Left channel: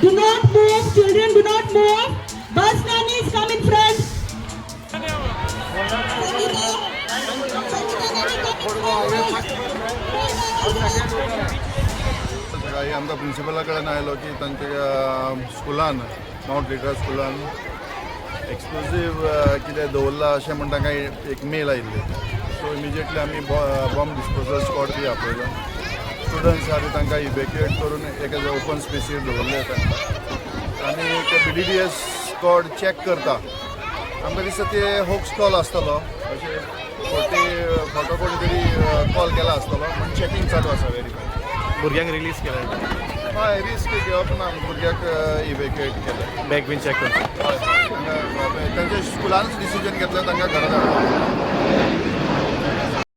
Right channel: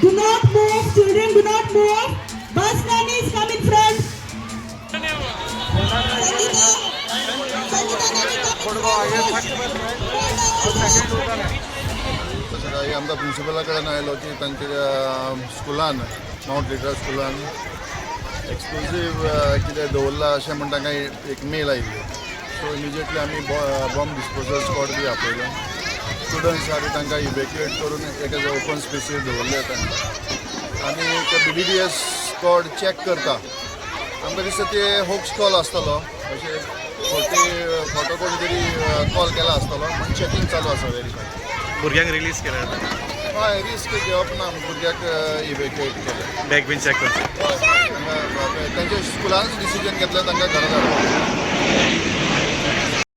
Do not move, children, do not move. Bus nannies come in front. सकाळी आमकां प्रिंसिपला कडेन आयलो की तांच्या स्कुलान माउंट लिटरा स्कुलान एक्सप्लोजीव कितें दवरला अशें म्हण तांकां एक मेल आयिल्ली. सो इमिजिएटली आमी बॉम्ब डिस्पोजल स्क्वॉड बी आपयलो. स्टुडंट्स आहा बी तांकां इवॅक्युएट करून एका ओपन स्पेसीर दवरले तांकां आनी ते BDDS स्क्वॉड चॅक करता. आमकां दिसता ते होक्स कॉल आसतलो अशें खोटो कोणी तरी कॉल केला आसतलो म्हण चॅकींग चालू आसा व्हेरीफाय. भुरग्यांक रिलीज केल्या हय रिस्क घेवप ना भुरग्याक इवॅक्युएट केले. बॅग बीन चॅक करता. हय तांच्या स्कुलानच डिसिजन घेतलें तांकां घरा धाडपाक.